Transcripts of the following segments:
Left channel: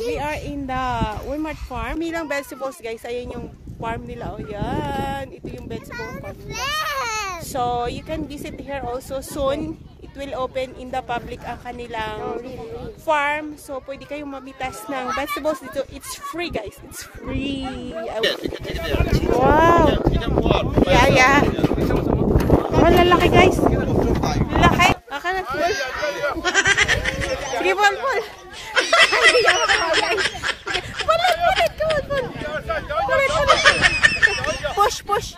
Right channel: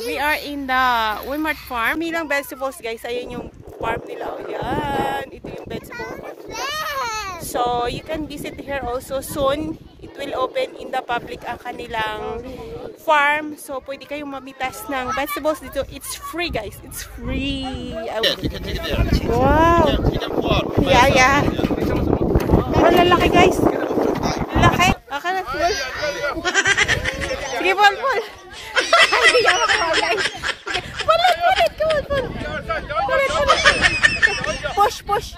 we are in the Walmart farm. Milang vegetables guys, ayan yung farm nila. Ayan, ito yung vegetable farm nila. So, you can visit here also soon. It will open in the public ang kanilang farm. So, pwede kayong mamitas ng vegetables dito. It's free guys, it's free. Wow! Yeah. Oh, lalaki guys. Lalaki. Akala full. Sige, Paul. Hindi niya makuha guys. Pulit. Push.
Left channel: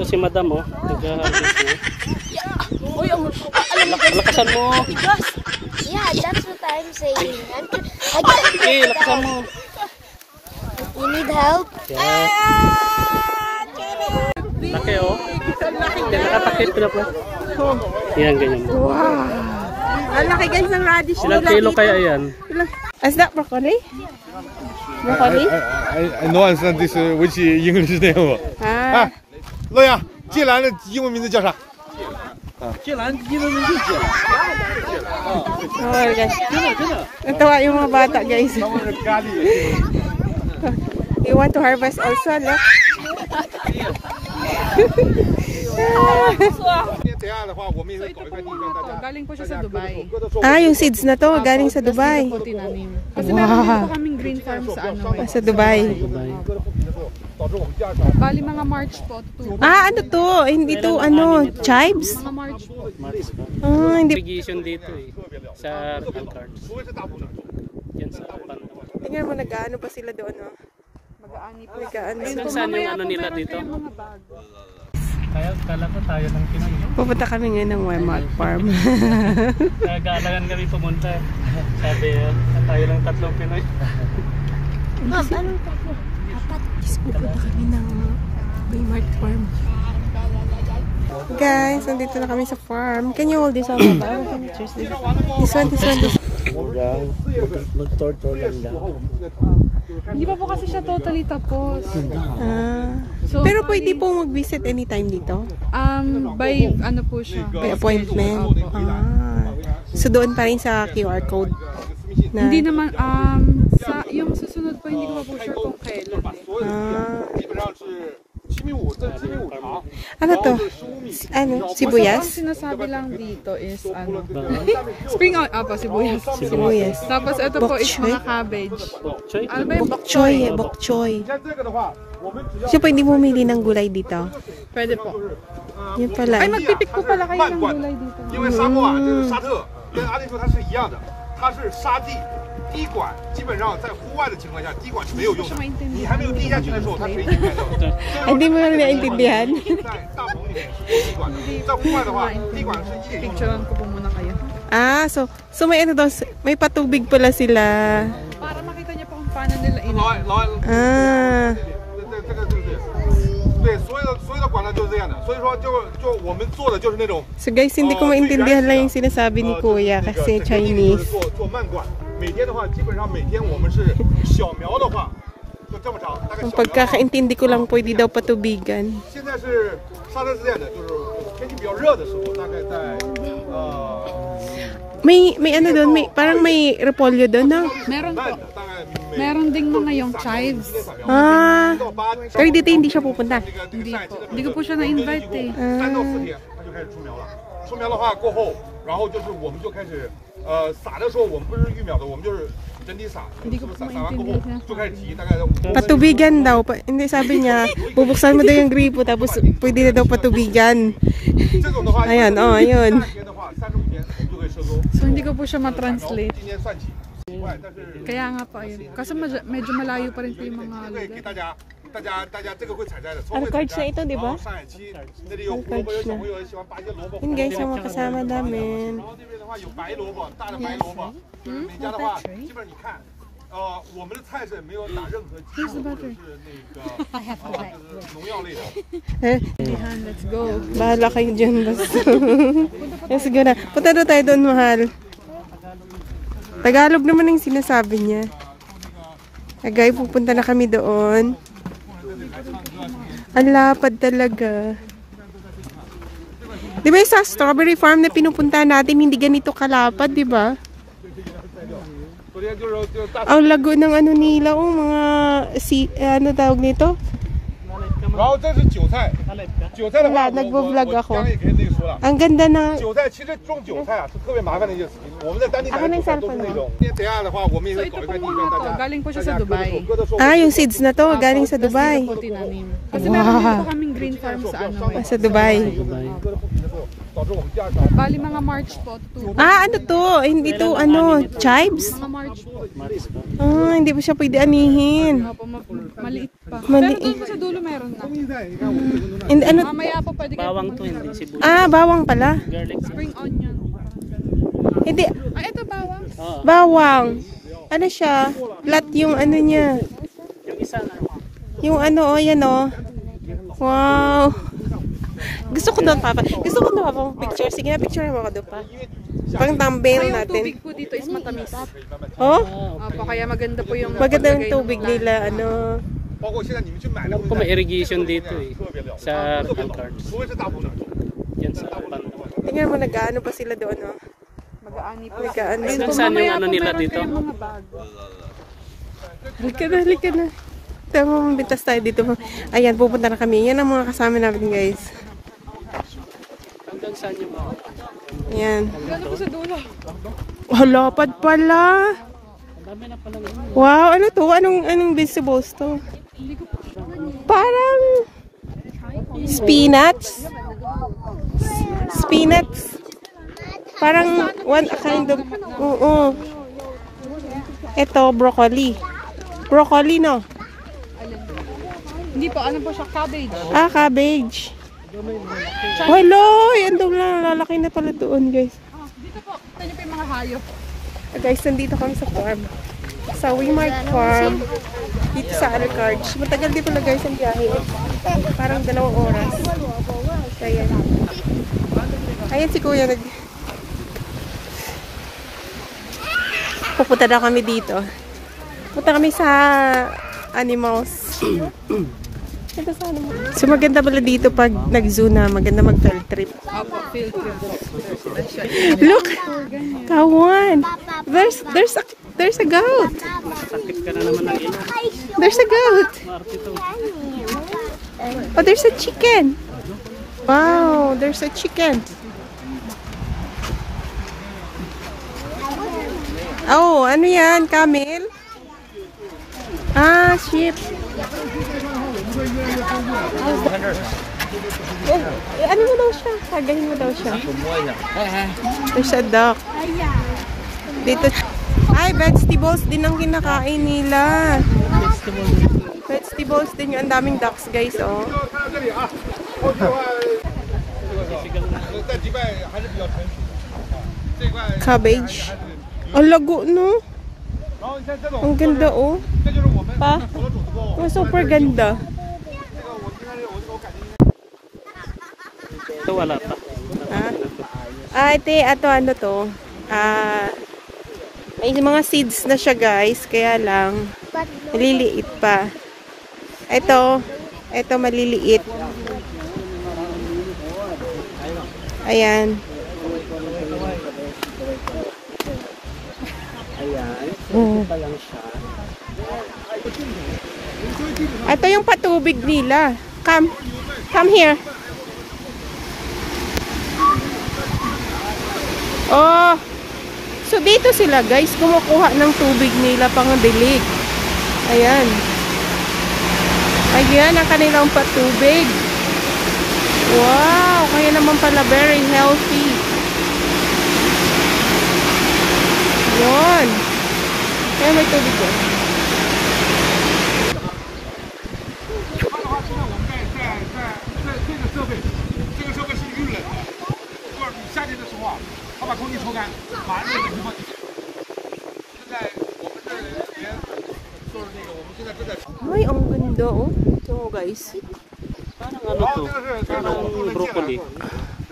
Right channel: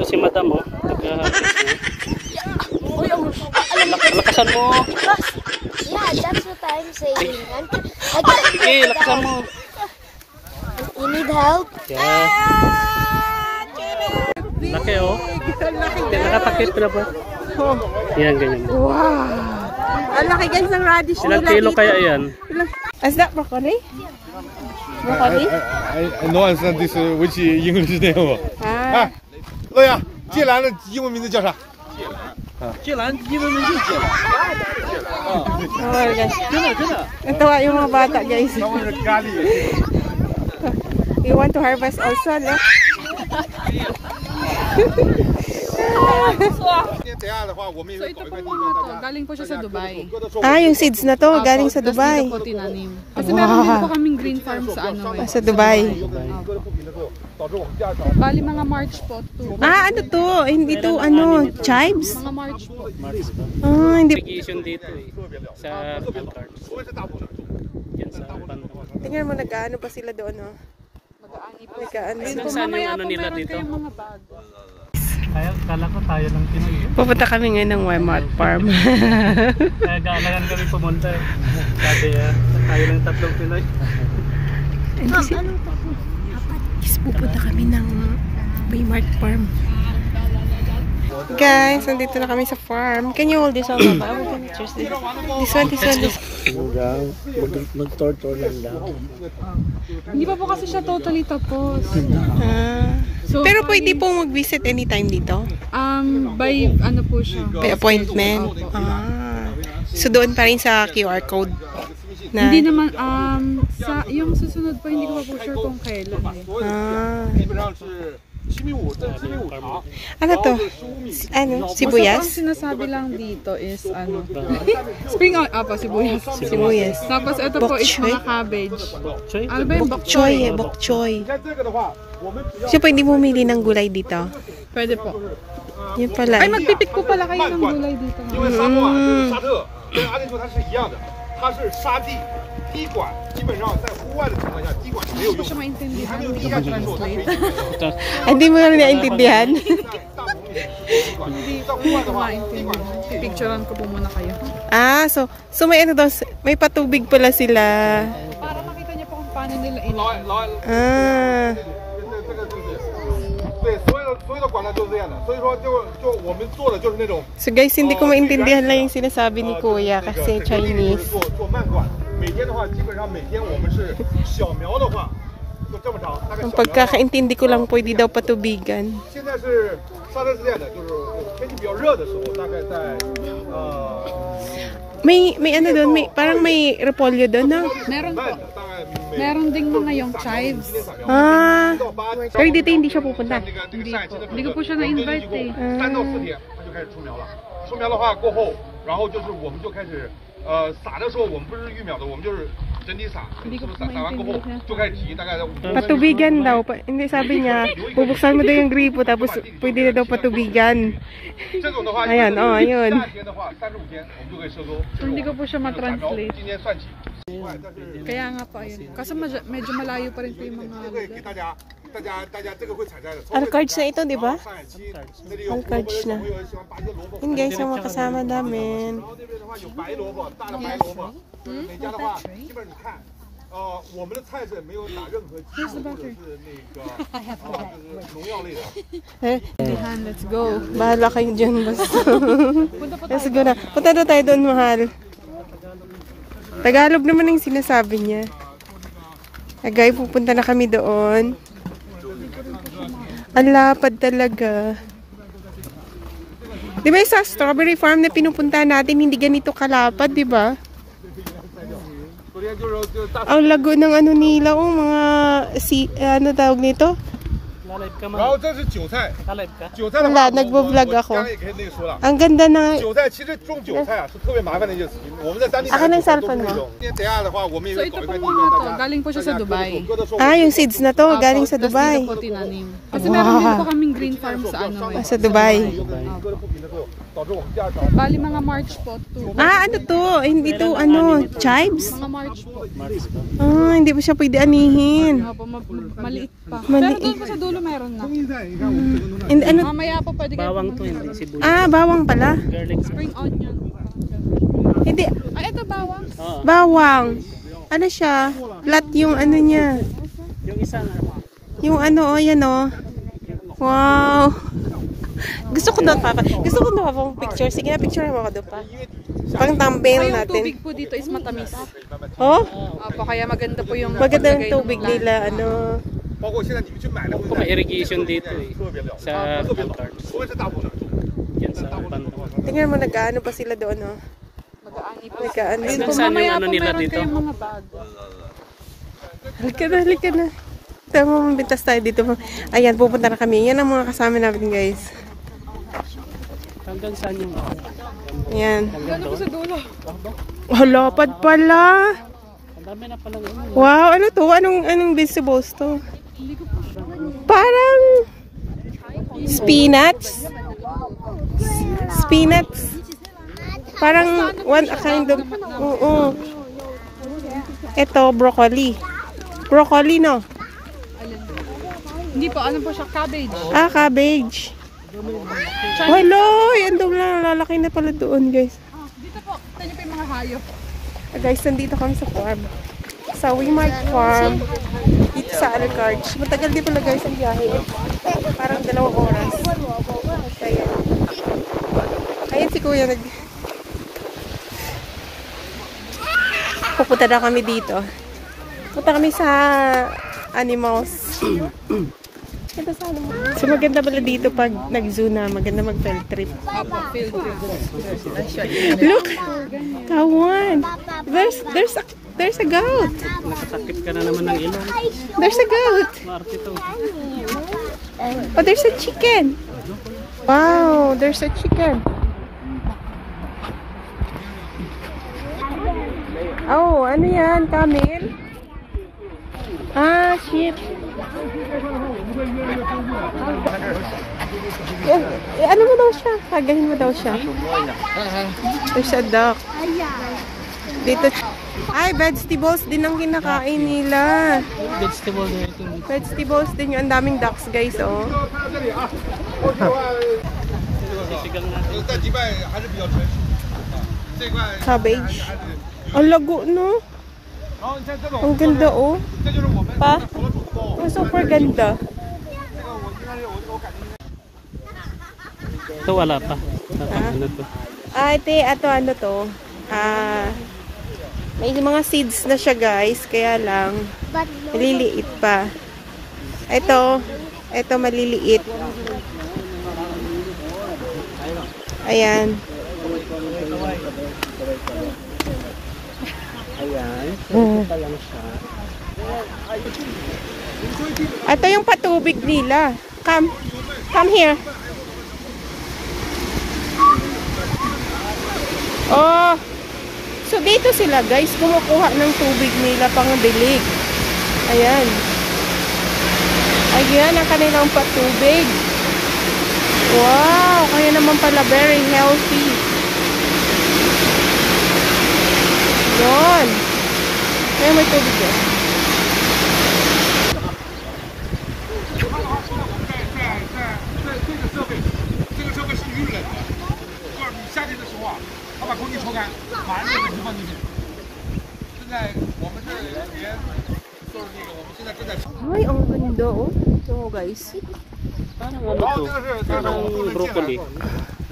Ito si madam oh. Lakasan mo. Yeah, that's what I'm saying. Sige, lakasan mo. You need help? Yes. Laki oh. Nakatakip na po. Yan, ganyan. Wow! Ang laki guys ng radish nila dito. Ilang kilo kaya yan? Is that broccoli? Broccoli? I know understand this which English name. 乐呀，芥兰的英文名字叫啥？芥兰英文名字叫。Oh guys. Natawa yung mga bata guys. You want to harvest also, no? Galing po siya sa Dubai. Yung seeds na to, galing sa Dubai. Kasi meron din po kaming green farm sa sa Dubai. Bali mga March po. Ano to? Hindi to, chives? Mga March po. Hindi. Irrigation dito eh. Sa Pantar. Yan sa Pantar. Tingnan mo, nag-ano pa sila doon, no? Nag-ano sila. Saan yung ano nila dito? Kala ko tayo lang Pinoy. Pupunta kami ngayon ng Walmart farm. Kaya galangan kami pumunta. Sabi tayo lang tatlong Pinoy. Pupunta kami ng Walmart farm. Guys, nandito na kami sa farm. Can you hold this on, Papa? This one. Hindi pa po kasi siya totally tapos. So, pero pwede pong mag-visit anytime dito? By ano po siya? By appointment? So doon pa rin sa QR code? Na... Hindi naman, yung susunod pa hindi ko po sure kung kailan. Ano to? Sibuyas? Ang sinasabi lang dito is spring onion, sibuyas. Tapos ito po is mga cabbage. Bok choy. So pwede bumili ng gulay dito? Pwede po. Yun pala. Ay, magpipik po pala kayo ng gulay dito. 滴管基本上在户外的情况下，滴管是没有用的。你还没有滴下去的时候，它水已经开走了。 Hindi mo na naintindihan. 在大棚里面滴管，在户外的话，滴管是一点用。 Picturean ko po muna kayo. So may ano daw, may patubig pala sila. Para makita niyo po kung paano nila ina. 对，所有的管道就是这样的，所以说就我们做的就是那种。 So guys, hindi ko maintindihan lang yung sinasabi ni Kuya kasi Chinese. 做慢管，每天的话，基本上每天我们是小苗的话，就这么长，大概。 Ang pagkakaintindi ko lang pwede daw patubigan. 现在是沙特是这样的，就是天气比较热的时候，大概在May ano doon, parang may repolyo doon, no? Meron ding mga yung chives. Pero dito hindi siya pupunta. Hindi ko po siya na-invite eh. 3到4天它就开始出苗了。出苗的话过后，然后就是我们就开始撒的时候，我们不是育苗的，我们就是整体撒，撒完过后就开始提，大概在5。 Patubigan daw. Hindi, sabi niya, bubuksan mo daw yung gripo tapos pwede na daw patubigan. Ayan, ayun. So hindi ko po siya ma-translate. Kaya nga po ayun. Kasi medyo malayo pa rin po yung mga... Alcards na ito, di ba? Alcards na. Yun guys, yung mga kasama namin. 我们的菜是没有打任何剂或者是那个农药类的。 Let's go. Bahala kayo dyan, basta. Let's go na. Punta na tayo doon, mahal. Tagalog naman yung sinasabi niya. Agay, pupunta na kami doon. Ang lapad talaga. Di ba sa strawberry farm na pinupunta natin, hindi ganito kalapad, di ba? Ang lago ng ano nila, mga ano tawag nito? Wala, nagbo-vlog ako. Ang ganda ng... Akin ang cellphone mo. So ito po mga galing po siya sa Dubai. Ah, yung seeds na to, galing sa Dubai. Kasi meron din po kaming green farm sa sa Dubai. Bali mga March po. Ah, ano to? Hindi to, ano, chives? Mga March po. Ah, hindi pa siya pwede anihin. Maliit pa. Maliit. Pero doon po sa dulo meron na. And, ano? Mamaya po pwede kayo. Bawang to, hindi sibuyas. Ah, bawang pala. Spring onion. Hindi. Ay, ito bawang. Bawang. Ano siya? Flat yung ano niya. Yung isa na. Yung ano, yan o. Wow. Gusto ko na pang picture. Sige na, picture mo ako doon pa. Pang thumbnail natin. Yung tubig po dito is matamis. Oh? Opo, kaya maganda po yung... Maganda yung tubig nila, ano. Alam ko may irrigation dito eh. Sa Pantor. Yan sa Pantor. Tingnan mo, nag-ano pa sila doon, oh. Mag-aani po. Nag-ano. Saan yung ano nila dito? Halika na. Tama, mabintas tayo dito. Ayan, pupunta na kami. Yan ang mga kasama namin, guys. Hanggang saan yung Ayan. Gano'n po sa dulo. Lapad pala. Ang dami na pala. Wow, ano to? Anong vegetables to? Parang spinach. Parang a kind of... Oo. Ito, broccoli. Broccoli, no? Hindi po, ano po siya? Cabbage. Ah, cabbage. Hello! Yan doon lang. Lalaki na pala doon, guys. Dito po, tayo po yung mga hayop. Guys, nandito kami sa farm. Sa Wimart Farm. Dito sa Alcarge. Matagal din pala, guys, ang biyahe. Parang 2 oras. Ayan. Ayan si Kuya. Pupunta na kami dito. Punta kami sa animals. So maganda pala dito pag nag-zoo na, maganda mag-field trip. Look! Kawan! There's a goat! Sakit ka na naman ng ina. There's a goat! Oh, there's a chicken! Wow! There's a chicken! Oh, ano yan? Camel? Ah, sheep. Oh, ano mo daw siya? Hagahin mo daw siya. There's a duck. Dito. Ay, vegetables din ang kinakain nila. Vegetables din yung ang daming ducks, guys, oh. Cabbage. Ang lago, no? Ang ganda, oh. Pa? Oh, super ganda. Ito wala pa. Ito ano to? May mga seeds na siya, guys. Kaya lang, maliliit pa. Ito maliliit. Ayan. Ito yung patubig nila. Come here. Oh, so dito sila, guys, kumukuha ng tubig nila pang dilig. Ayan. Ayan ang kanilang patubig. Wow, kaya naman pala very healthy. Ayan. Kaya may tubig yan. 这个设备是预冷的，就是你夏天的时候啊，它把空气抽干，马上就冷气放进去。现在我们这边就是那个，我们现在正在。Ay, ang ganda, oh. So, guys. Parang ano to? Parang broccoli.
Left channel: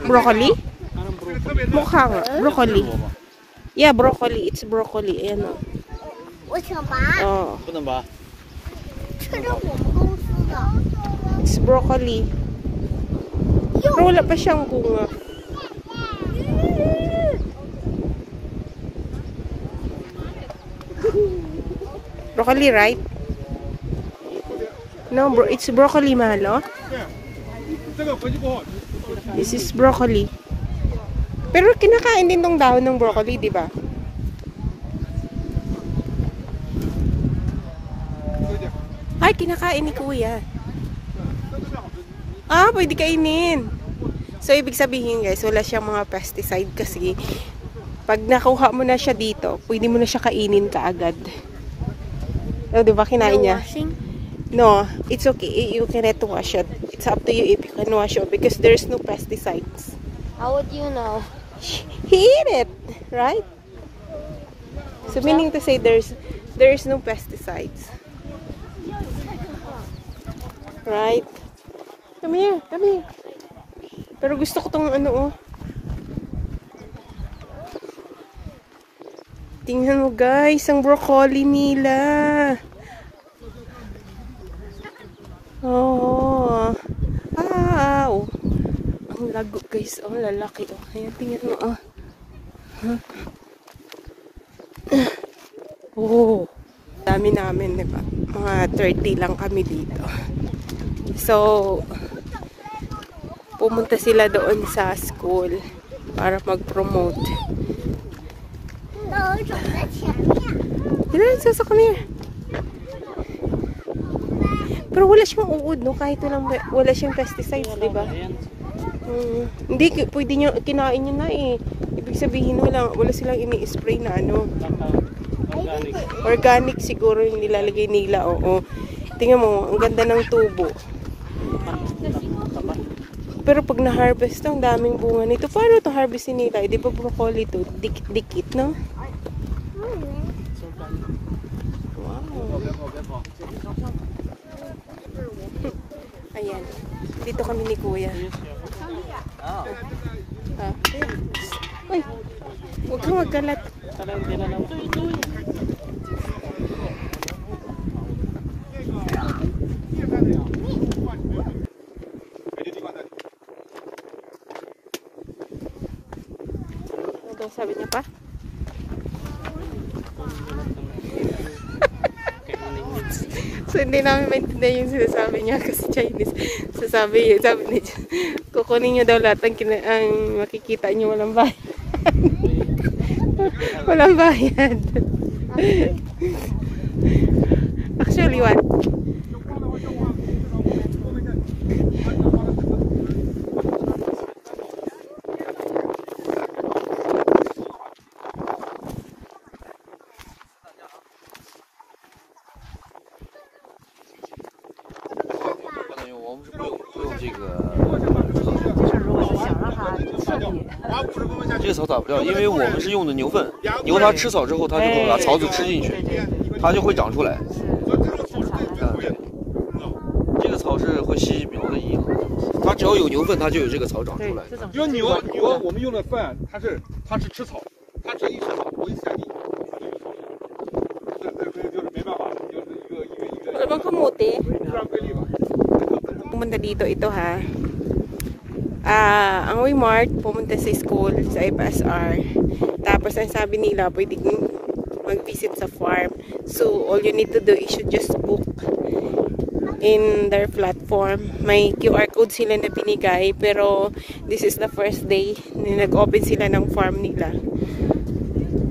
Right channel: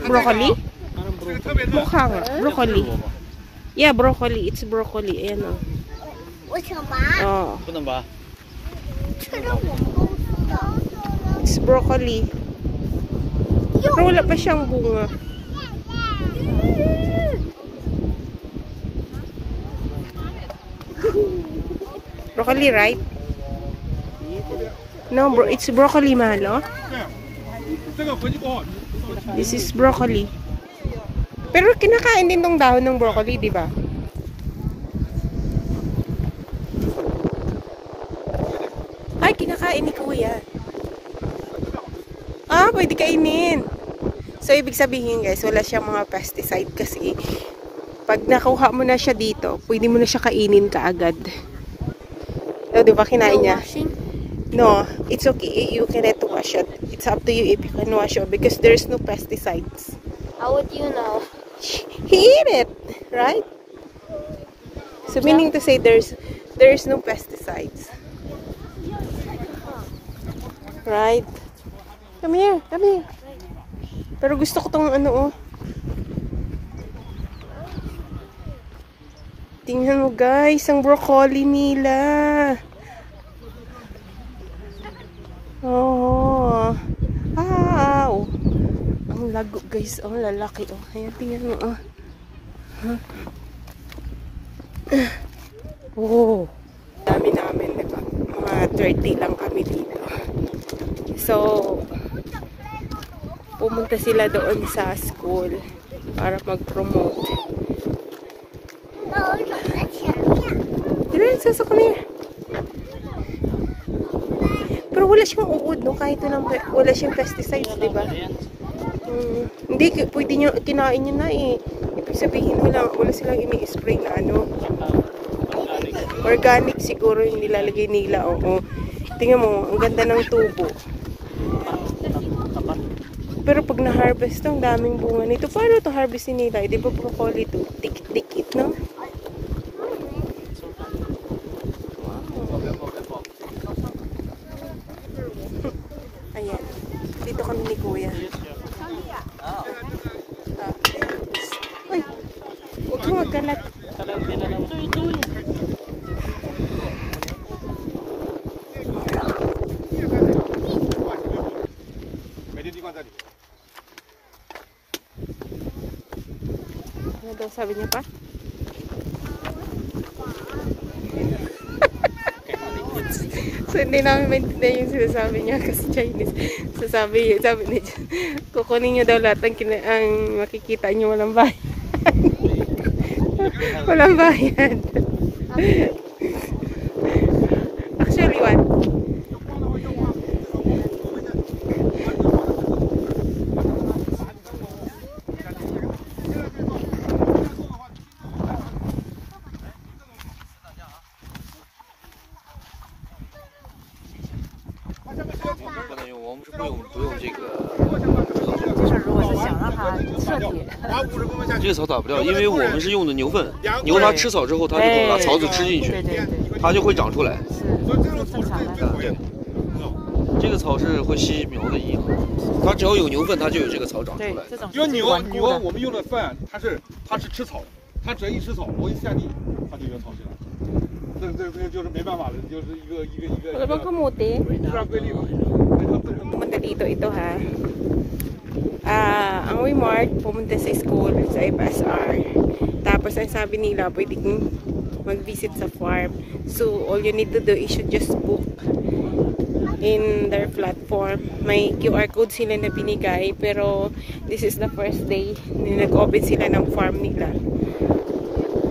Broccoli? Parang broccoli. Mukha nga. Broccoli. Yeah, broccoli. It's broccoli. Ayan, oh. 为什么？ Oh. 不能吧？ It's broccoli. Pero wala pa siyang bunga. broccoli, right? No, bro, it's broccoli, Malo. This is broccoli. Pero kinakain din tong dahon ng broccoli, di ba? Ay, kinakain ni Kuya. Ah, pwede kainin. So, ibig sabihin guys, wala siyang mga pesticide kasi pag nakuha mo na siya dito, pwede mo na siya kainin kaagad. O, di ba kinain niya? No, it's okay. You cannot wash it. It's up to you if you can wash it because there's no pesticides. How would you know? He ate it, right? So meaning to say there's no pesticides. Right? Come here, come here. Pero gusto ko tong ano, oh. Tingnan mo guys, ang broccoli nila. Oh. Wow. Ang lago guys, oh, lalaki, oh. Ayan, tingnan mo, oh. Huh? Oh. Dami namin, diba? Mga 30 lang kami dito. So, pumunta sila doon sa school para mag-promote. Diba, sasako na yan. Pero wala siyang uod, no? Kahit wala siyang pesticides, diba? Hindi, pwede nyo, kinain nyo na eh. Ibig sabihin, wala silang ini-spray na ano. Organic siguro yung nilalagay nila, oo. Tingnan mo, ang ganda ng tubo. Pero pag na-harvest, ang daming bunga nito. Paano to harvestin nila? Di ba broccoli to? Dikit, no? Wow. Ayan. Dito kami ni Kuya. Uy! Huwag kang magkalat. Ano daw sabi niya pa? So, hindi namin maintindihan yung sinasabi niya kasi Chinese. Sabi niya, kukunin niyo daw lahat ang makikita niyo walang bayad. Walang bayad. Actually, what?这个草打不掉，因为我们是用的牛粪，牛它吃草之后，它就会把草籽吃进去，它就会长出来。这个草是会吸苗的营，它只要有牛粪，它就有这个草长出来。因为牛我们用的粪，它是吃草，它只要一吃草，我一下地，它就有草。这就是没办法，就是一个。Wala bang kamuti? 自然规律嘛。 Pumunta dito ito ha. Ang Wimart pumunta sa school sa FSR. Tapos ang sabi nila pwedeng mag-visit sa farm. So all you need to do is you just book in their platform. May QR code sila na binigay pero this is the first day na nag-open sila ng farm nila.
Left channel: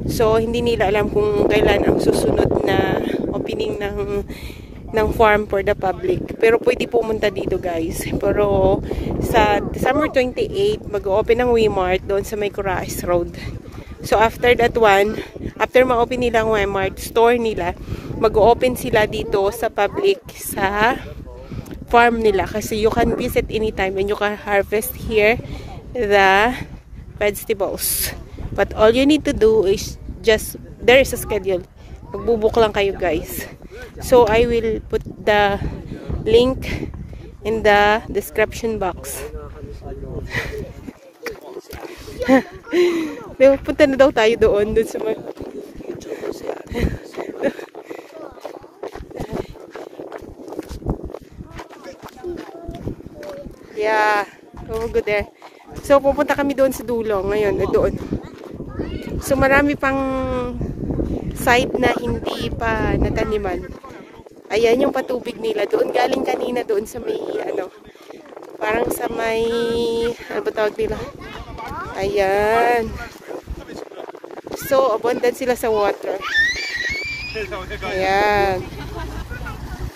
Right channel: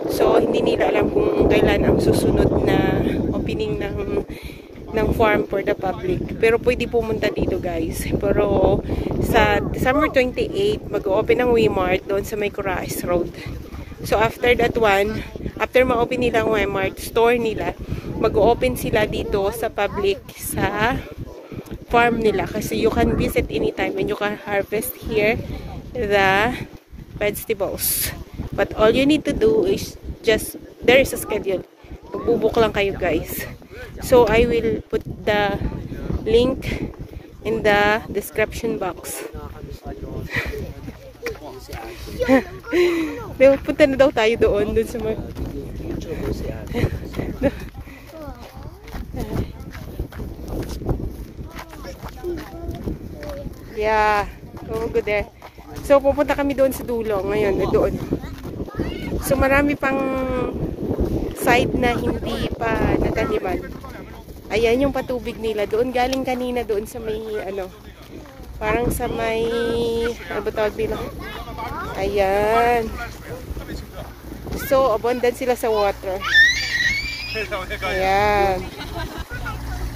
So hindi nila alam kung kailan ang susunod na opening ng farm for the public. Pero pwede pumunta dito guys. Pero sa December 28, mag-open ang Wimart doon sa may Corais Road. So after that one, after ma-open nila ang Wimart store nila, mag-open sila dito sa public sa farm nila. Kasi you can visit anytime and you can harvest here the vegetables. But all you need to do is just, there is a schedule. Magbubuk lang kayo guys. So I will put the link in the description box. Punta na daw tayo doon sa mga... Yeah, we'll go there. So pupunta kami doon sa dulo ngayon, doon. So marami pang side na hindi pa nataniman. Ayan yung patubig nila. Doon galing kanina doon sa may ano, parang sa may, ano ba tawag nila? Ayan. So, abundant sila sa water. Ayan.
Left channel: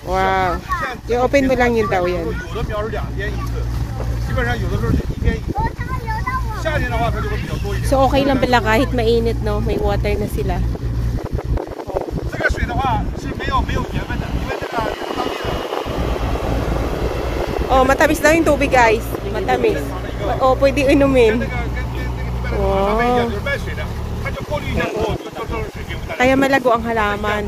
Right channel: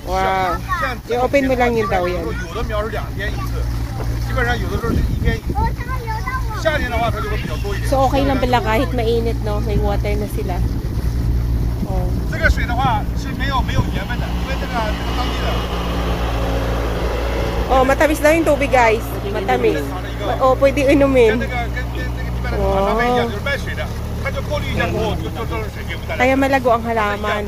Wow. I-open mo lang yung daw yan. So, okay lang pala kahit mainit, no? May water na sila. Oh. Oh, matamis daw yung tubig, guys. Matamis. Oh, pwede inumin. Wow. Kaya malago ang halaman.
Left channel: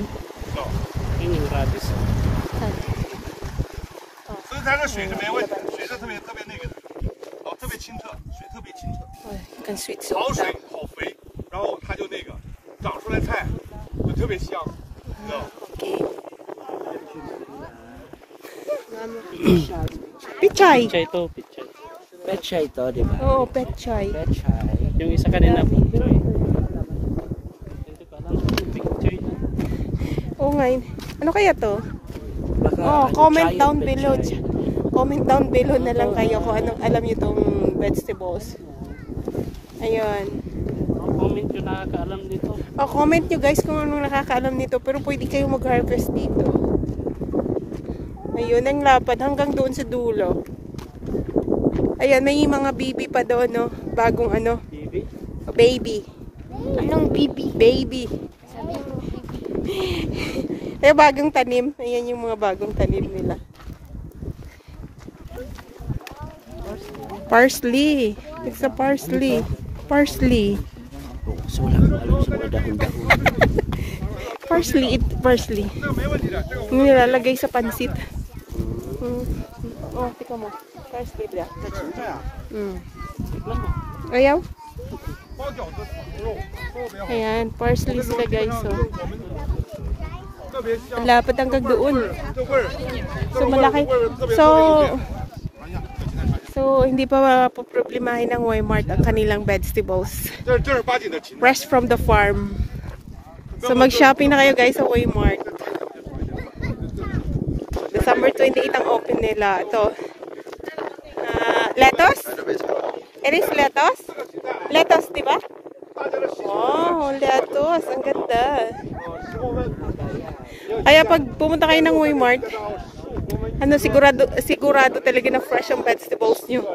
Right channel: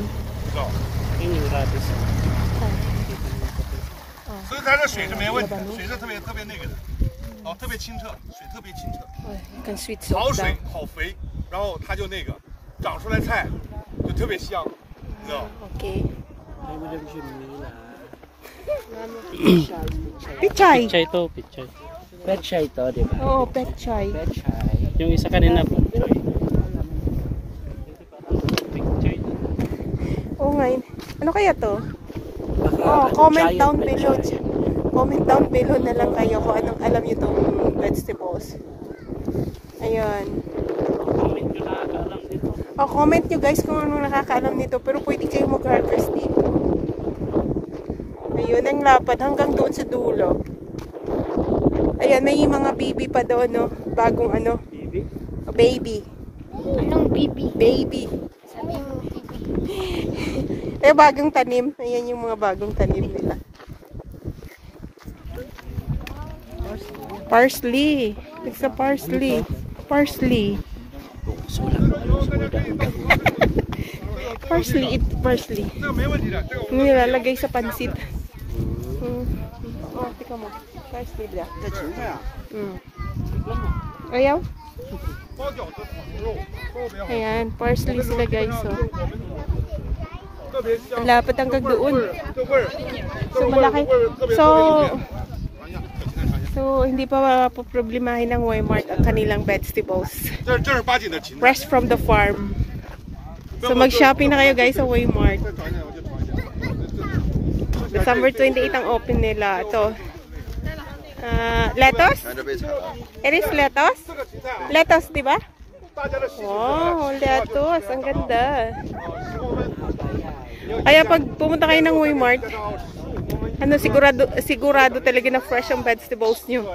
所以它这水是没问题的，水是特别那个的，特别清澈，水特别清澈，好水好肥，然后它就那个长出来菜就特别香，你知道吗？ Pichay. Pechay to, pechay. Pechay to, di ba? Oo, pechay. Yung isa kanina po. Oo nga. Ano kaya to? Oh, comment down below. Comment down below na lang kayo kung anong alam nyo itong vegetables. Ayan. Comment nyo nakakaalam dito. Oh, comment nyo guys kung anong nakakaalam nito. Pero pwede kayo mag-harvest dito. Ayun, ang lapad hanggang doon sa dulo. Ayan, may mga baby pa doon, no? Bagong ano? Baby? Oh, baby. Anong baby? Baby. Eh, bagong tanim. Ayan yung mga bagong tanim nila. Parsley. It's a parsley. Parsley. Parsley. Nilalagay sa pansit. Oh, tika mo. Parsley bra. Ayaw? Ayan, parsley sila guys. Ang lapad hanggang doon. So, malaki. So, hindi pa problemahin ng Walmart ang kanilang vegetables. Fresh from the farm. So, mag-shopping na kayo guys sa Walmart. December 28 ang open nila. Ito. Lettuce? It is lettuce? Lettuce, diba? Wow, lettuce. Ang ganda. Kaya pag pumunta kayo ng Walmart, ano, sigurado talaga na fresh ang vegetables nyo.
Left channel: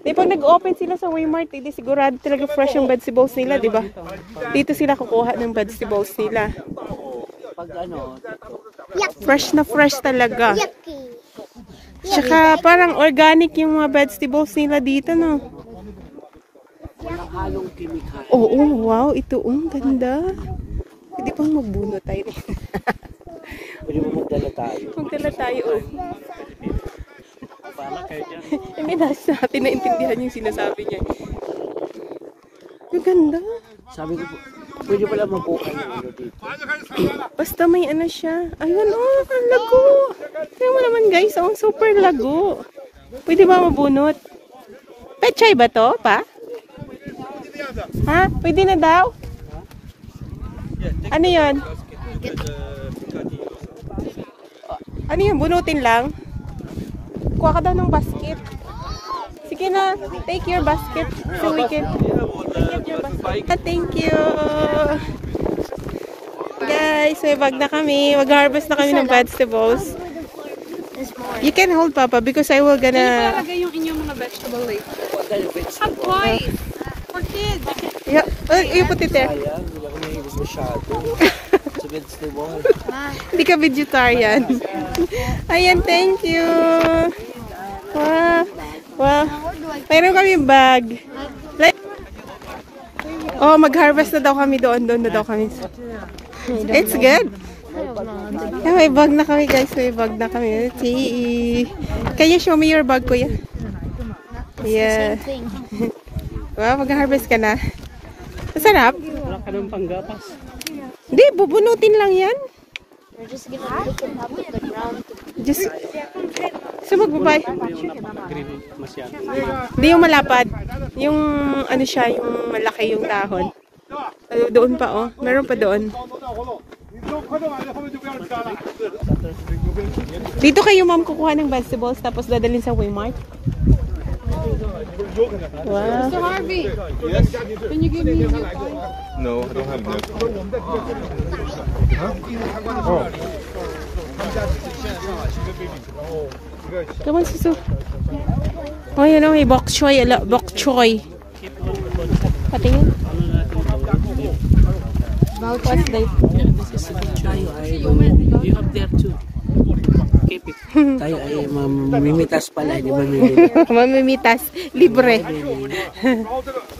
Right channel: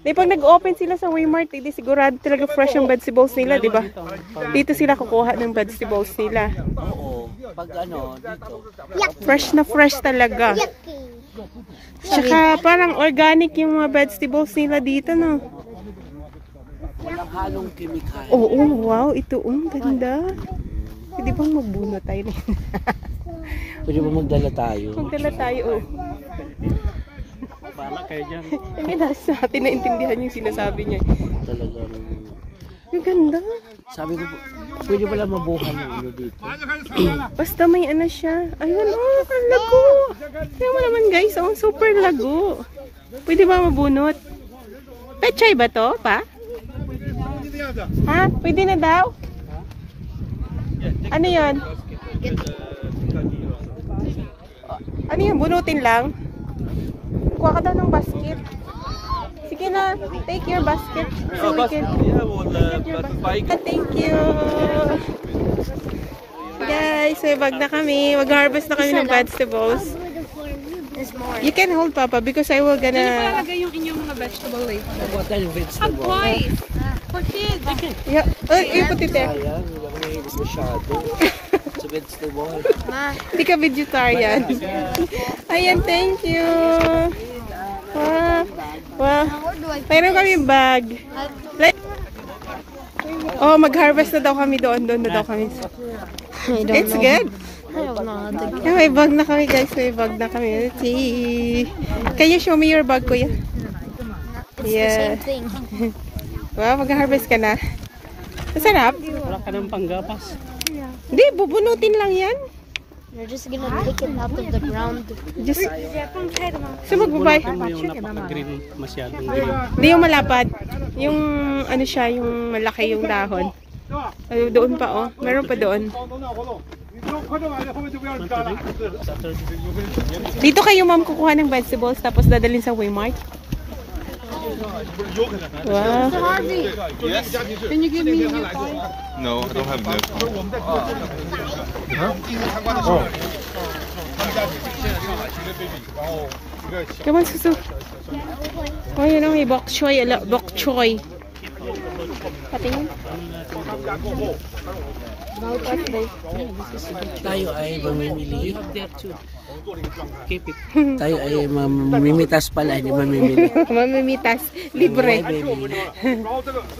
Di pag nag-open sila sa Walmart, hindi sigurado talaga fresh ang vegetables nila, di ba? Dito sila kukuha ng vegetables nila. Pag ano, dito. Fresh na fresh talaga. Tsaka parang organic yung mga vegetables nila dito, no? Halong kimikal. Oo, wow, ito, ang ganda. Pwede pang magbuno tayo. Pwede mo magdala tayo. Magdala tayo, oh. Pala kayo dyan. Yung iba sa atin naintindihan yung sinasabi niya. Ang ganda. Sabi ko po, pwede pala mabuhay yung ano dito. Basta may ano siya. Ayun, oh, ang lago. Kaya mo naman guys, oh, super lago. Pwede ba mabunot? Pechay ba to, pa? Ha? Pwede na daw? Ano yun? Ano yun? Bunutin lang? Kuha ka daw ng basket. Sige na, take your basket so we can get your basket. Thank you. Guys, may bag na kami. Mag-harvest na kami ng vegetables. You can hold, Papa, because I will gonna... Yung inyong mga vegetable later. Dahil vegetable. For kids. Yeah. Oh, you put it there. Sa vegetable. Hindi ka vegetarian. Ayan, thank you. Wow. Mayroon kami bag. Oh, mag-harvest na daw kami doon. Doon na daw kami. It's good. May bag na kami, guys. May bag na kami. Let's see. Can you show me your bag, kuya? Yeah. Wow, mag-harvest ka na. Masarap? Wala ka ng panggatas. Hindi, bubunutin lang yan. You're just gonna pick it up at the ground. Just... So magbabay. Masyado. Hindi yung malapad. Yung ano siya, yung malaki yung dahon. Doon pa oh. Meron pa doon. Dito kayo ma'am kukuha ng vegetables tapos dadalhin sa Waymart. Wow. So Harvey, can you give me your toy? No, I don't have milk. Come on, Susu. Oh, yun ang bok choy. Bok choy. Patingin. What's this? Tayo ay mamimili. Tayo ay mamimitas pala, hindi mamimili. Mamimitas. Libre.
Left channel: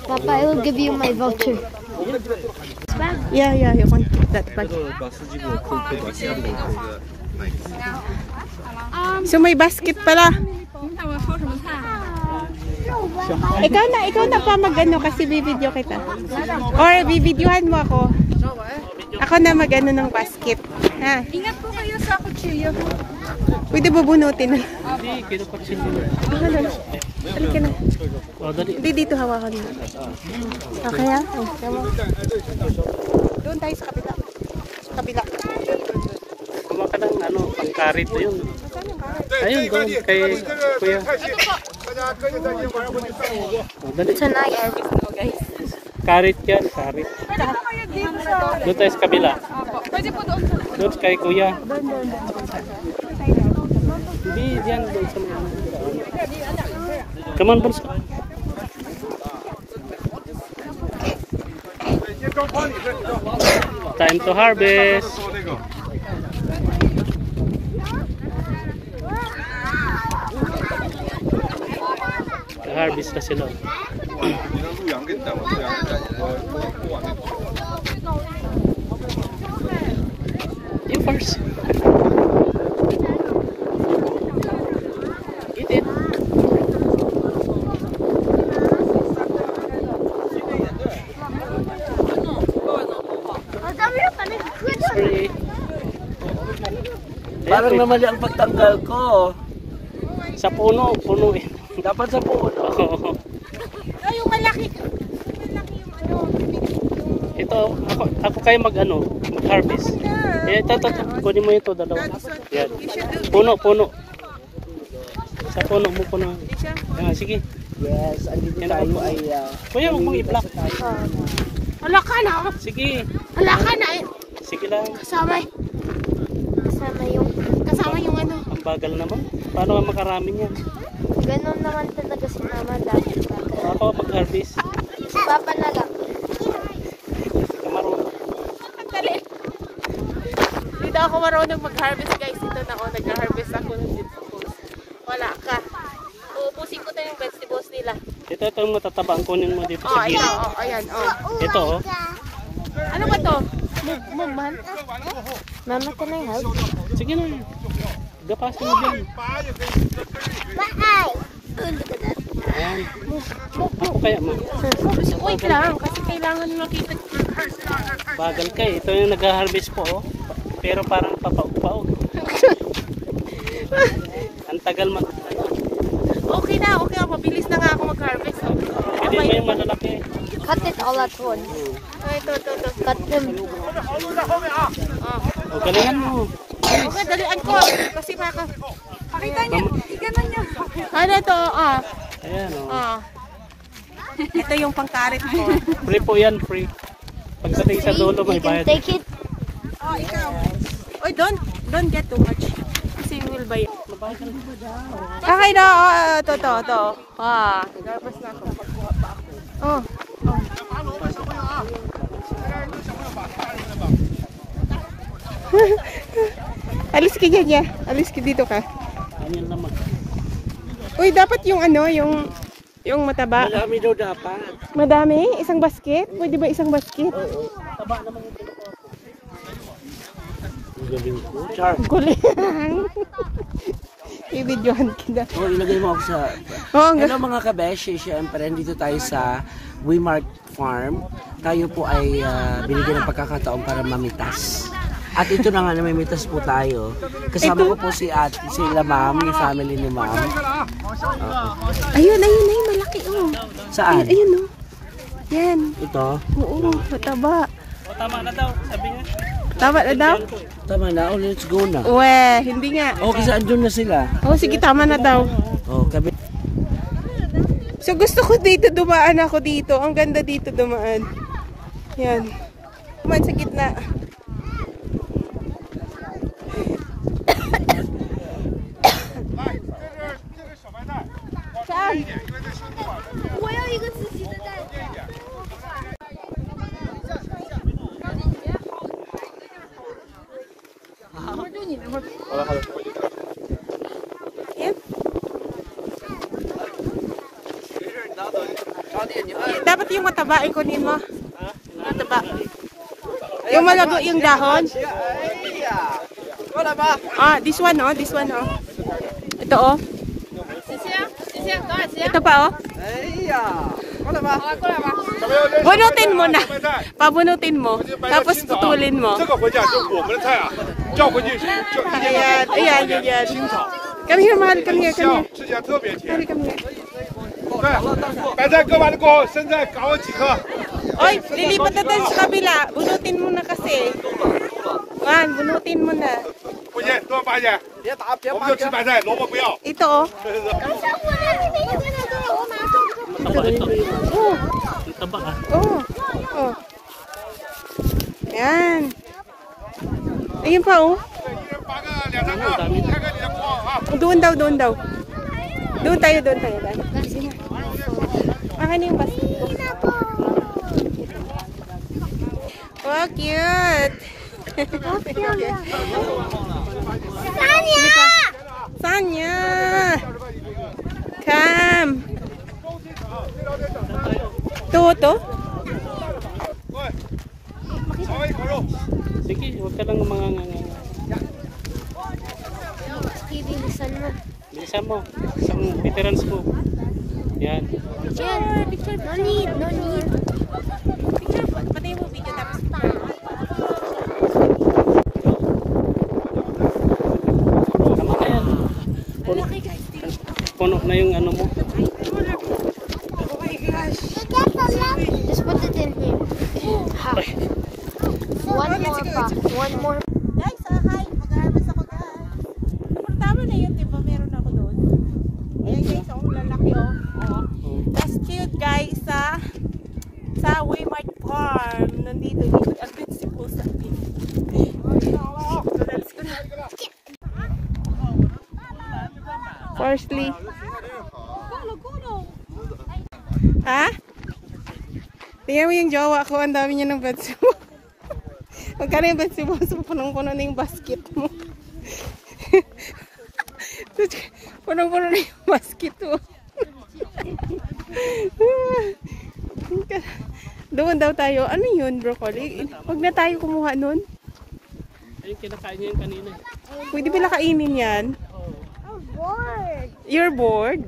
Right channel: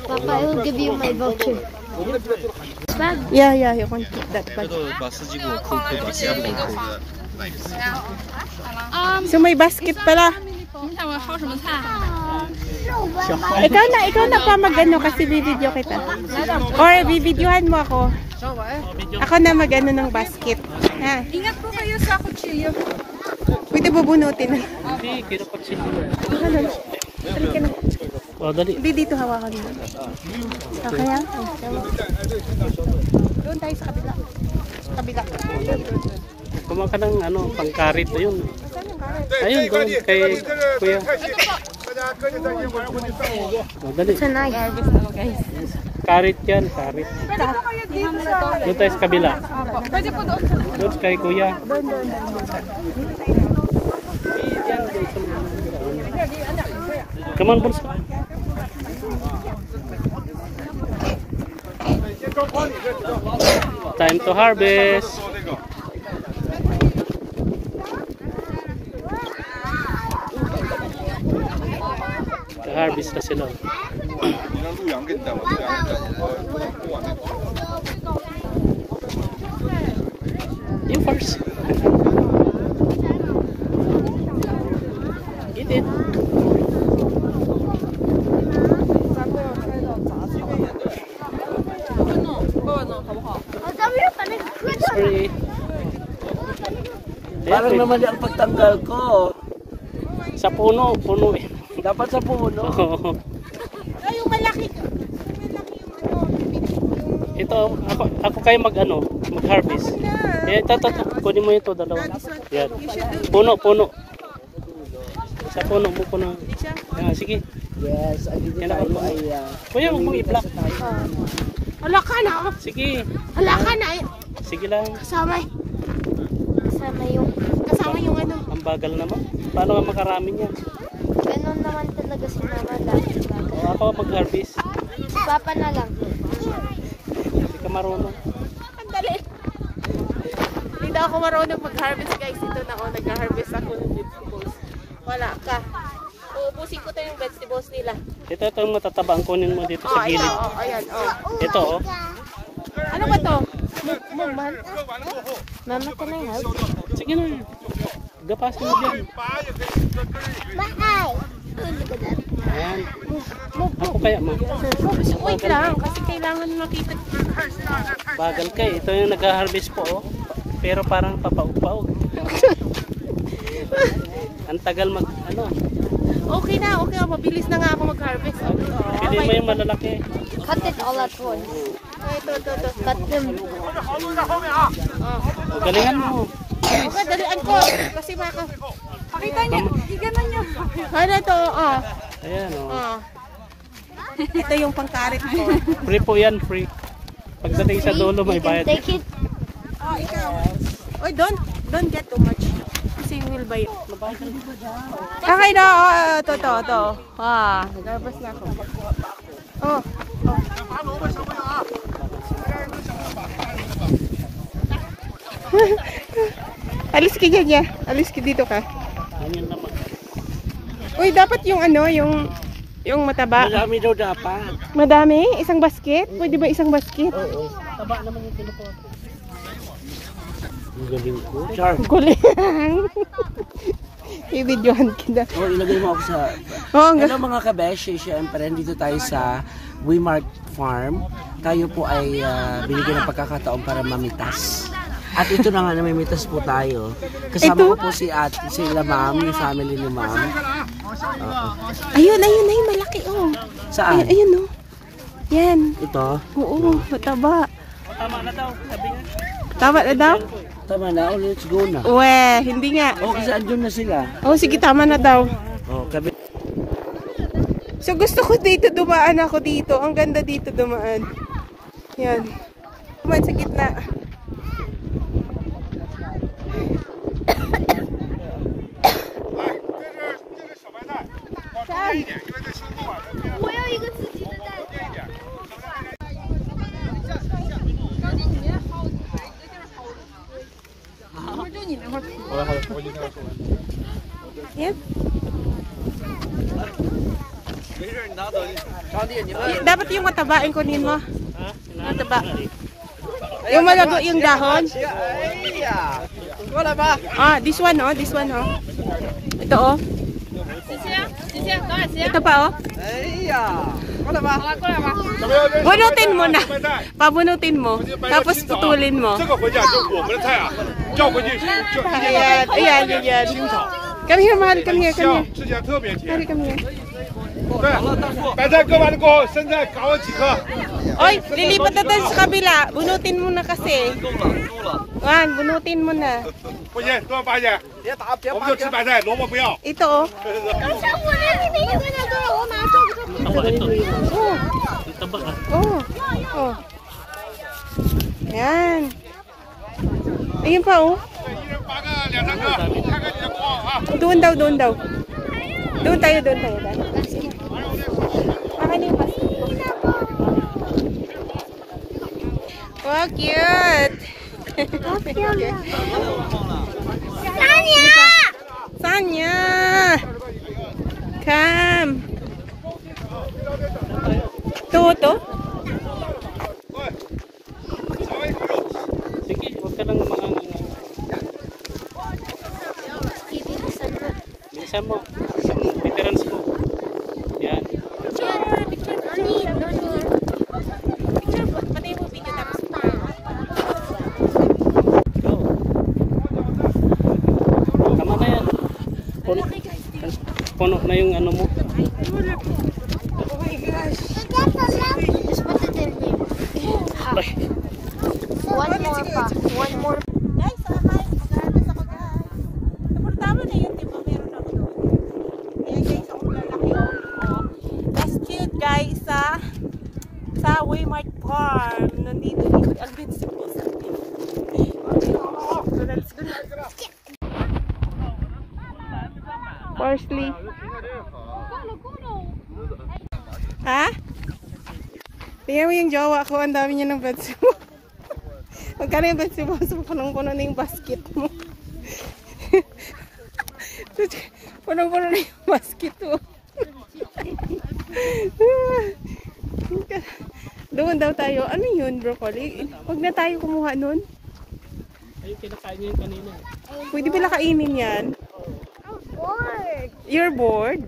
Papa, I will give you my voucher. Yeah, you can keep that bag. So may basket pala. Ikaw na pa mag-ano kasi bibidyo kita. Or bibidyohan mo ako. Ako na mag-ano ng basket. Ha? Ingat po kayo sa kutsilyo. Pwede bubunutin eh. Hindi, kinapaksin mo. Halika na. O, dali. Hindi dito hawakan mo. Okay ha? Doon tayo sa kabila. Sa kabila. Kumain ka ng ano, pangkarit na yun. Ayun, doon kay Kuya. O, dali. Guys. Karit yan, karit. Doon tayo sa kabila. Doon kay Kuya. Hindi, yan. Doon sa mga come on, Bunso. Time to harvest. Harvest na sila. You first. Eat it. Sorry. Parang naman ang pagtanggal ko. Sa puno eh. Dapat sa puno. Oh, yung malaki. Ito, ako kayo mag-harvest. Ito, kunin mo ito, dalawa. Yan. Puno. Sa puno mo puno. Yan, sige. Yes, andito tayo ay... Kuya, huwag mong i-block. Hala ka na. Sige. Hala ka na. Sige lang. Kasama yung ano. Ang bagal naman. Paano nga makarami niyan? Ganun naman talaga si Mama. Ako mag-harvest. Papa na lang. Hindi ka marunong. Ang dali. Hindi daw ako marunong mag-harvest guys. Ito na ako. Nag-harvest ako ng vegetables. Wala ka. Uubusin ko tayo yung vegetables nila. Ito yung matataba. Ang kunin mo dito sa gilid. Ayan. Ito Ano ba to? Mugman? Mama, can I help? Sige na. Gapasin mo dyan. Ayan. Ako kaya ma. Wait lang. Kasi kailangan makita. Bagal ka eh. Ito yung nag-harvest po oh. Pero parang papaog-paog. Ang tagal Okay na. Mabilis na nga ako mag-harvest. Hindi mo yung malalaki. Cut it all at once. Ito. Cut them. O, galingan mo. Okay, dalian ko. Kasi baka... Pakita niya. Iganan niya. Ano to? Ayan o. Ito yung pangkarit ko. Free po yan, free. Pagdating sa dulo, may You can bayad. take it. Oy, don't get too much. Kasi we will buy it. Okay na. To. Naglabas na ako. Alis ka dyan, alis ka dito ka. Ganyan naman. Uy, dapat yung yung mataba. Marami daw dapat. Madami? Isang basket? Pwede ba isang basket? Taba naman yung kinuha ko. Ang galing ko. Char. Guling. I-videohan kita. Oh, ilagay mo ako sa... Hello mga kabeshi, syempre dito tayo sa Waymart Farm. Tayo po ay binigyan ng pagkakataon para mamitas. At ito na nga, namimitas po tayo. Kasama ko po si ate, sila ma'am, yung family ni ma'am. Ayun, malaki oh. Saan? Ayun oh. Yan. Ito? Oo, mataba. Tama na daw, sabi nga. Tama na daw? Tama na, let's go na. Hindi nga. Kasi andun na sila. Sige, tama na daw. Kabi. So gusto ko dito, dumaan ako dito. Ang ganda dito dumaan. Yan. Dumaan sa gitna. Saan? Yan. Dapat yung mataba ang kunin mo. Mataba. Yung malago yung dahon. This one oh, this one oh. Ito oh. Ito pa oh. Bunutin mo na. Pabunutin mo. Tapos putulin mo. Ayan. Come here, mahal. Come here. Mahal, come here. Oy, lilipat na tayo sa kabila. Bunutin mo na kasi. Bunutin mo na. Ito oh. Oh. Yan. Ayun pa oh. Doon daw. Doon tayo. Akin yung basket ko. Wow, cute. Sanya! Come. To? Sige, huwag ka lang mga bilisan mo. Veterans mo. Yan. Picture. Picture, pati mo video tapos tama na yan. Puno na yung ano mo. Oh my gosh. Just put it in here. One more. Guys, hi. Mag-harvest ako, guys. Pero tama na yun, diba? Meron ako doon. Ayan, guys, ang lalaki, oh. That's cute, guys, sa Waymart Farm. Nandito. Ang bits po sa atin. So, that's good. Firstly. Ha? Tingnan mo yung jowa ko. Ang dami niya ng bansubo. Magkano yung bansubo? So, punong-puno na yung basket mo. Punong-puno na yung basket mo. Doon daw tayo. Ano yun, broccoli? Huwag na tayo kumuha nun. Ayun, kinakain niya yung kanina. Pwede ba kainin yan? You're bored?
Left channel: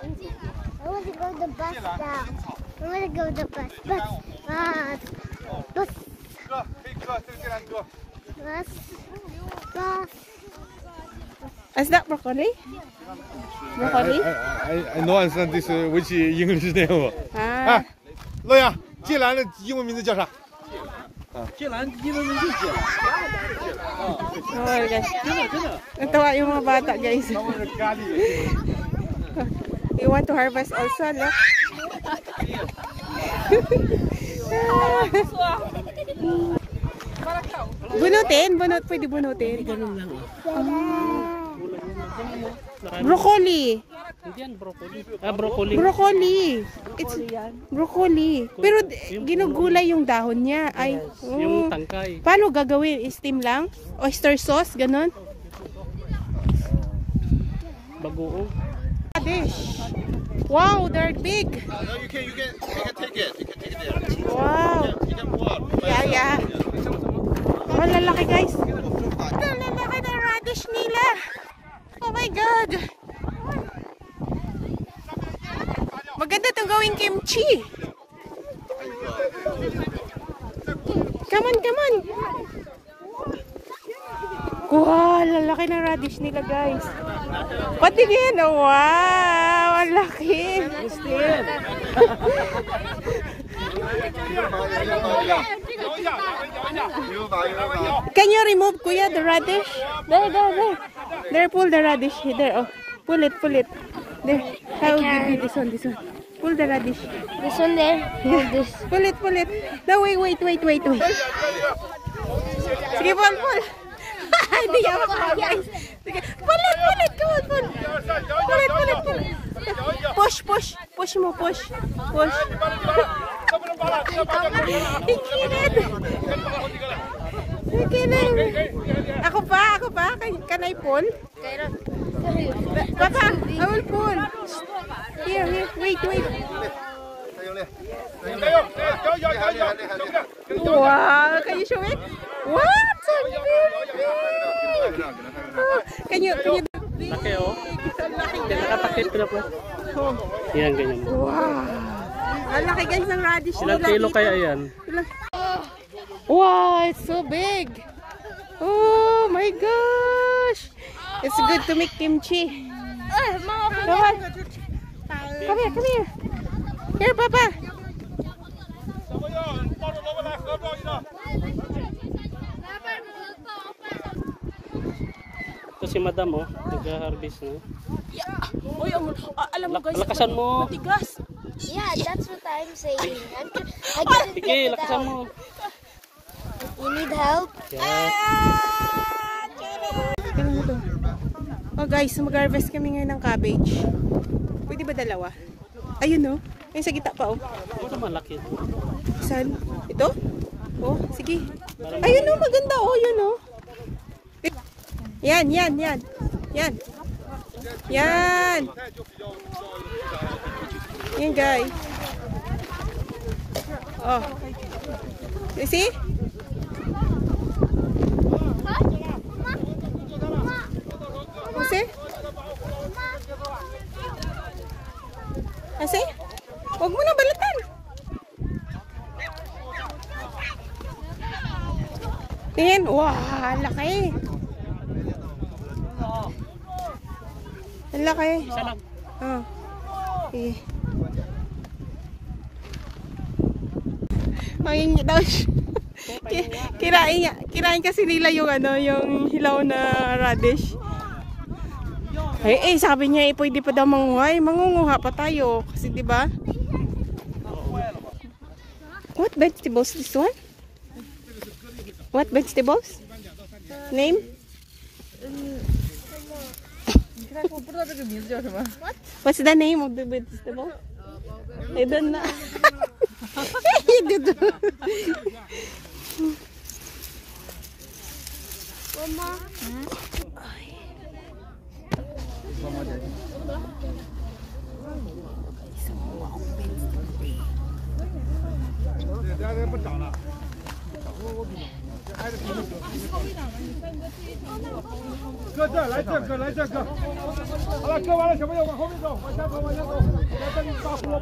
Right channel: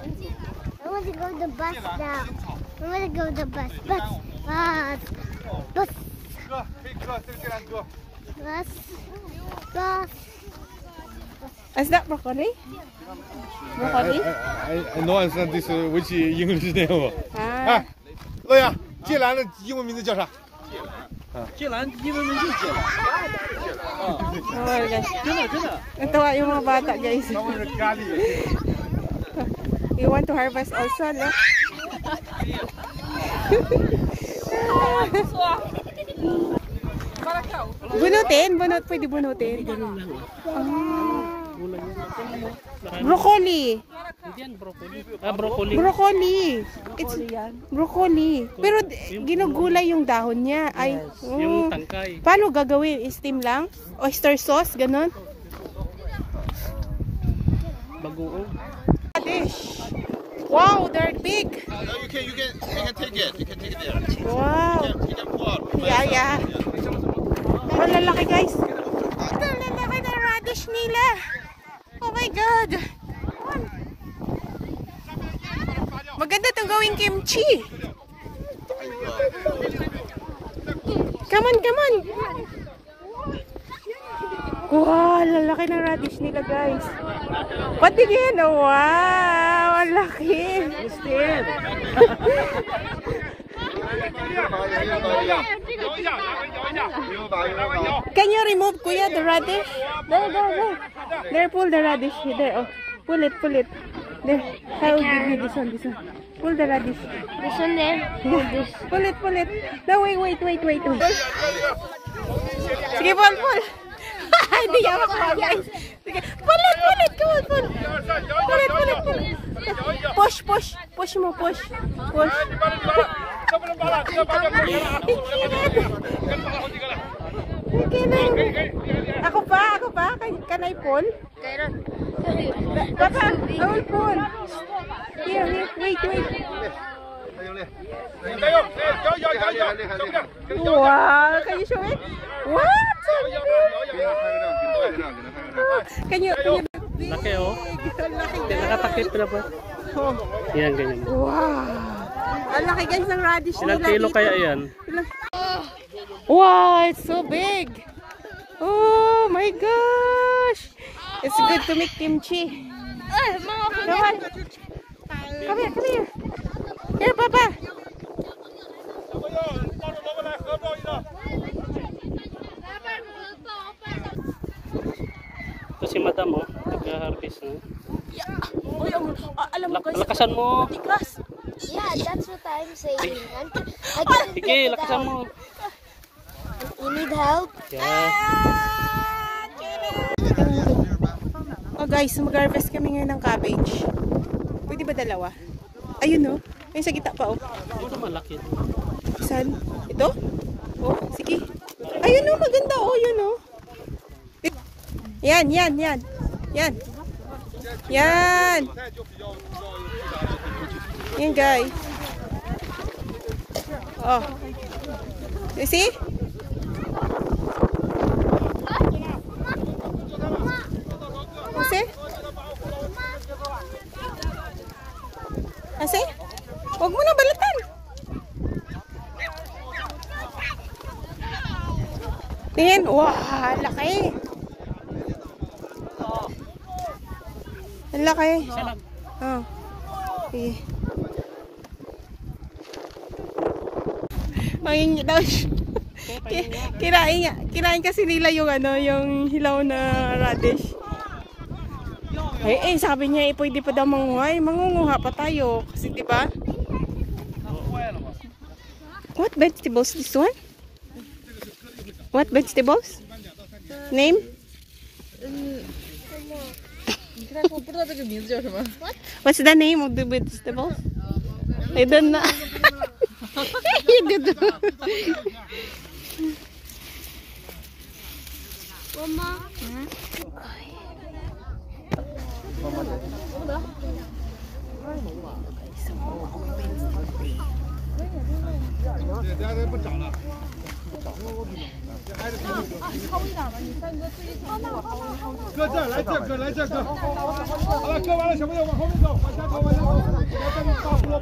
I want to go to the bus now. I want to go to the bus. Bus. Is that broccoli? Broccoli? I don't understand this which English name. 乐呀，芥兰的英文名字叫啥？芥兰英文名字叫。Oh my gosh. Natawa yung mga bata, guys. You want to harvest also, no? Bunutin? Pwede bunutin? Broccoli. Hindi yan, broccoli. Broccoli. Broccoli. It's broccoli. Pero ginugulay yung dahon niya. Ay, yung tangkay. Paano gagawin? Steam lang? Oyster sauce? Ganon? Bagoong. Wow, they're big. You can take it. You can take it there. Wow. Yeah. Malalaki, guys. Ito, lalaki ng radish nila. Oh my God. Maganda itong gawing kimchi. Come on. Wow, lalaki ng radish nila, guys. Pati din, oh, wow, ang laki. Can you remove, Kuya, the radish? There. There, pull the radish. There, oh. Pull it. There, I will give you this one. Pull the radish. This one there. Pull this. Pull it. No, wait. Sige, pull. Hindi niya makuha, guys. Sige, pull it. Come on, pull. Pull it. Push mo. Ikinit. Ako pa. Can I pull? Papa, I will pull. Here. Wait. Wow, can you show it? What? So big! Can you Laki, oh. Nakatakip na po. Oh. Yan, ganyan. Wow! Ang laki, guys, ng radish nila dito. Ilang kilo kaya yan? Wow, it's so big! Oh my gosh! It's good to make kimchi. Come on. Come here. Here, Papa. Ito si Madam, oh. Nag-harvest na. Oy, alam mo, guys. Lakasan mo. Tigas. Yeah, that's what I'm saying. Sige, lakasan mo. You need help? Yeah. Oh guys, mag-harvest kami ngayon ng cabbage. Pwede ba dalawa? Ayun, no? Ayun sa gitna pa, oh. Ito malaki. Saan? Ito? Oh, sige. Ayun, no? Maganda, oh. Yun, no? Yan. Yan, guys. Oh. You see? Kasi? Huwag mo na balatan. Tingin. Wow, laki. Ang laki. Oh. Sige. Mangingit daw siya. Kirain kasi nila yung yung hilaw na radish. Sabi niya pwede pa daw mangunguha pa tayo kasi 'di ba? What vegetables this one? What vegetables? Name? What's the name of the vegetables? I don't know.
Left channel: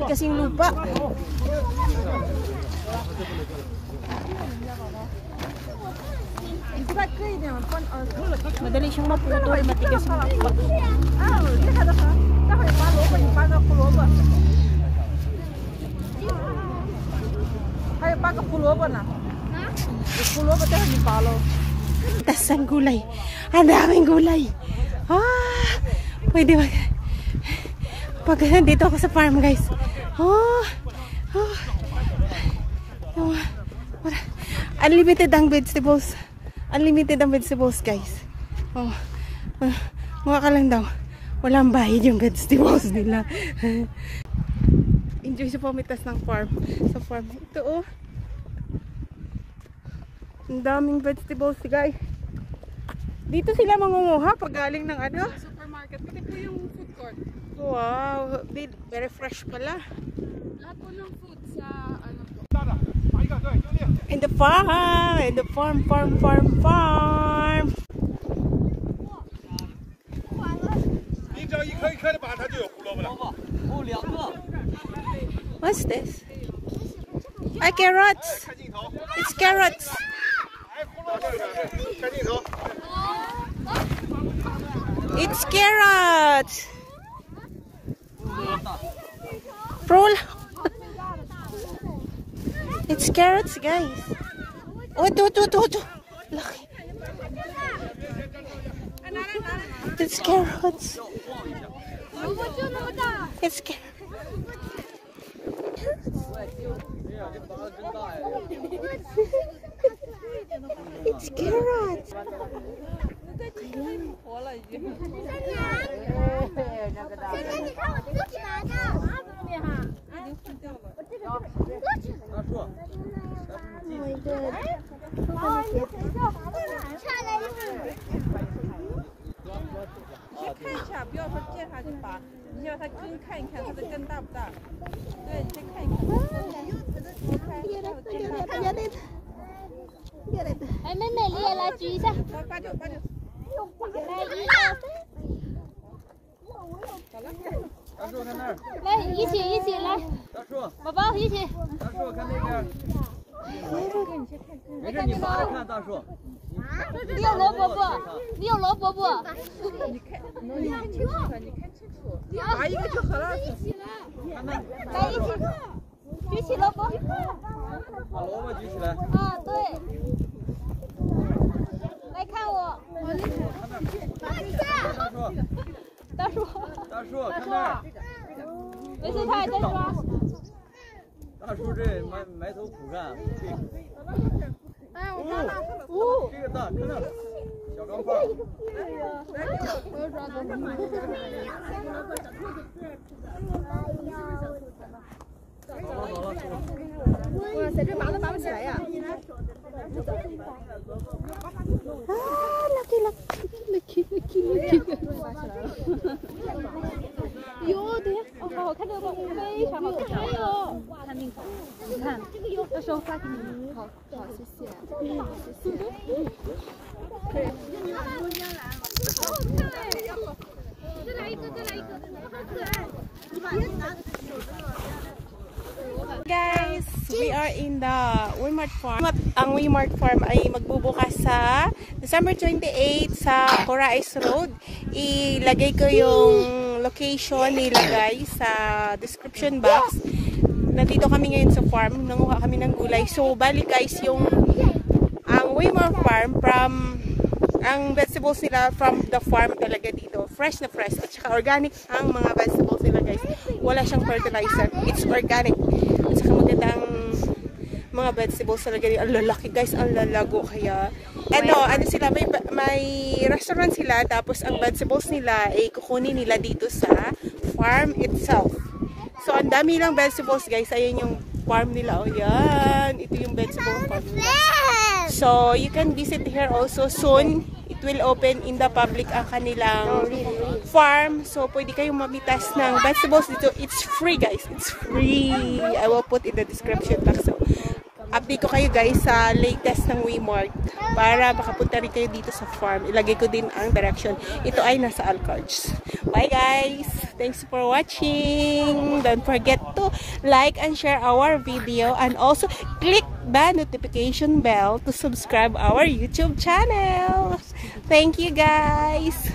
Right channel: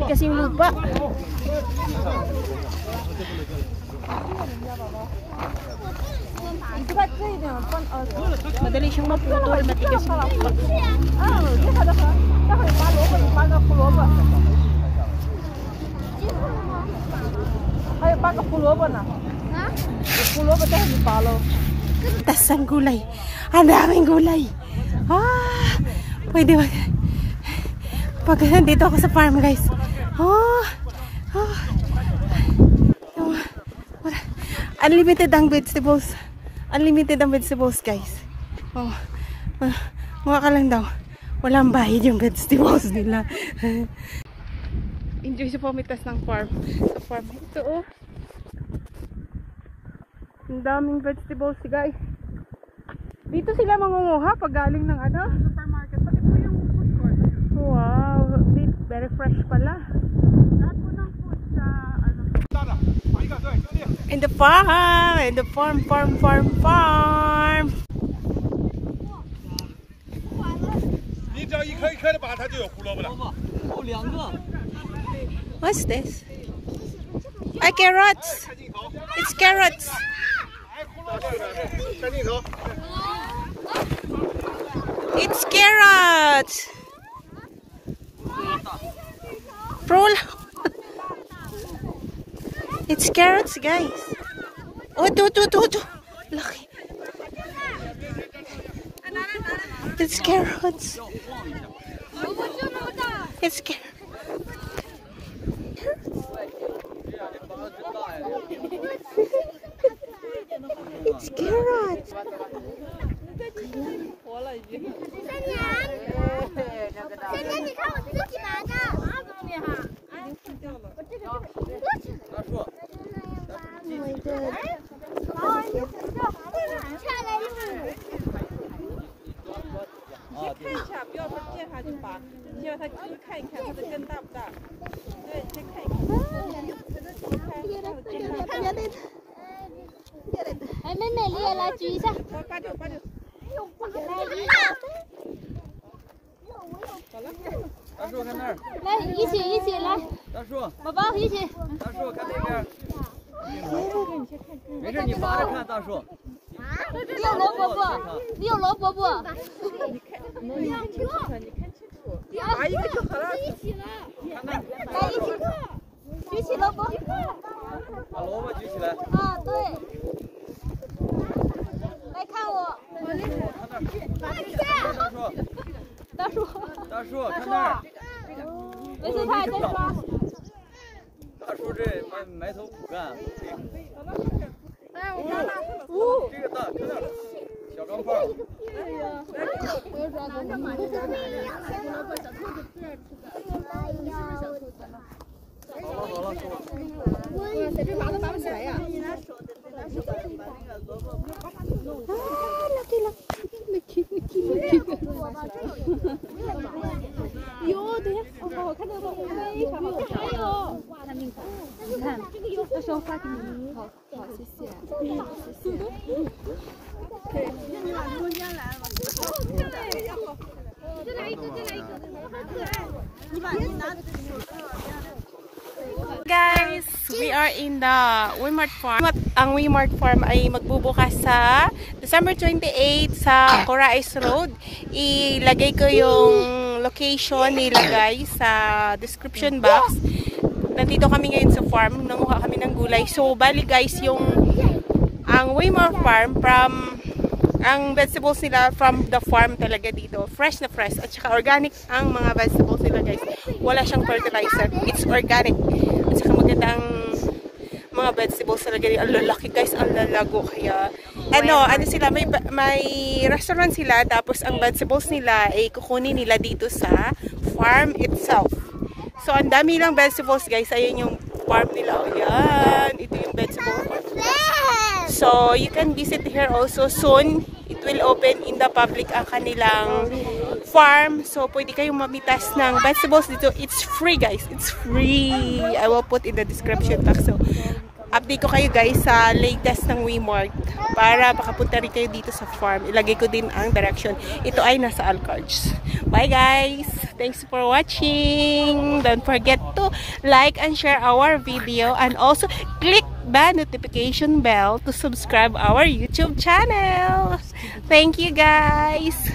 Kasi yung lupa. Madali siyang maputol, matigas yung lupa. Tas ng gulay. Ang daming gulay. Pwede ba? Pag nandito ako sa farm, guys. Unlimited ang vegetables. Unlimited ang vegetables, guys. Mga ka lang daw. Walang bayad yung vegetables nila. Enjoy sa pamitas ng farm. Sa farm. Ito, oh. Ang daming vegetables, guys. Dito sila mangunguha pag galing ng supermarket. Pati po yung food court. Wow. Very fresh pala. Lahat po ng food sa In the farm. In the farm. What's this? Carrots. It's carrots. It's carrots. Roll. It's carrots, guys. Oh, do. Lucky. It's carrots. It's carrots. It's carrots.哎，妹妹，你也来举一下。来，一起来。宝宝一起。大树看那边。没事，你忙着看大树。你有萝卜不？你有萝卜不？你看清楚，拿一个就好了。一起来。来，一起。举起萝卜。把萝卜举起来。嗯，对。来看我。大树，看那儿。没事，他还在抓。大树这埋头苦干。哎，我看看。这个大，看那儿，小钢炮。我要抓住。哇塞，这拔都拔不起来呀！啊 ，lucky！ 哟，对，哦，好好看这个，非常好看。看那个，你看，到时候发给你。好，谢谢。谢谢。可以。好好看哎！再来一个，好可爱。你把拿。Guys, we are in the Weimart Farm. Ang Weimart Farm ay magbubukas sa December 28 sa Corais Road. Ilagay ko yung location nila guys sa description box. Nandito kami ngayon sa farm. Nanguha kami ng gulay. So, bali guys, ang Weimart Farm ang vegetables nila from the farm talaga dito. Fresh na fresh. At saka organic ang mga vegetables nila guys. Wala siyang fertilizer. It's organic. At saka magandang mga vegetables talaga. Ang lalaki guys. Ang lalago. Kaya ano sila, may restaurant sila. Tapos ang vegetables nila ay kukunin nila dito sa farm itself. So ang dami lang vegetables guys. Ayan yung farm nila. Ayan. Ito yung vegetable farm nila. So, you can visit here also soon. It will open in the public ang kanilang farm. So, pwede kayong mamitas ng vegetables dito. It's free, guys. It's free. I will put in the description box. So, update ko kayo, guys, sa latest ng Weimart para makapunta rin kayo dito sa farm. Ilagay ko din ang direction. Ito ay nasa Alcards. Bye, guys! Thanks for watching! Don't forget to like and share our video and also click the notification bell to subscribe our YouTube channel. Thank you guys.